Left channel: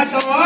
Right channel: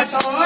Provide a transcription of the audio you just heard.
Pasó